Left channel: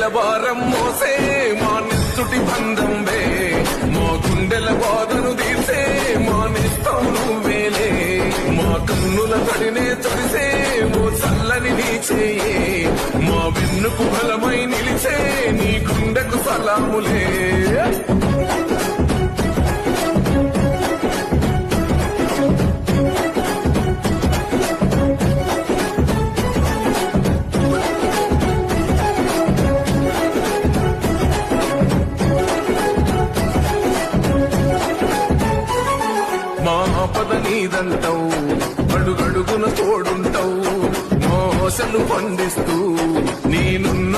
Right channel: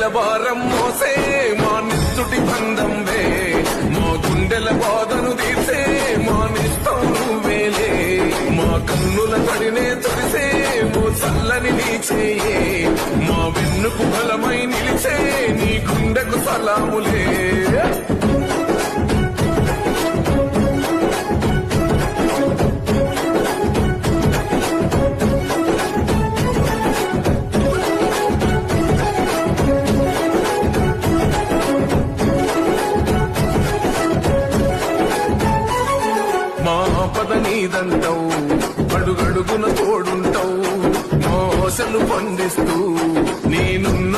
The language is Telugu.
వేల భారం మోసే మా నిస్తుటి బంధంవే మా గుండెల బాధను తీర్చే మా నిస్తం నువ్వేలే మా కన్నుల తడినే తడిసే ఓ చల్లని నీ చేయే మా వెన్నుకు బలమై నిలిచే నీ గుండెకు సలాములే మా ఆపద నీదంటావు అడుగడుగున తోడుంటావు మోసలు పండిస్తూ నేనున్న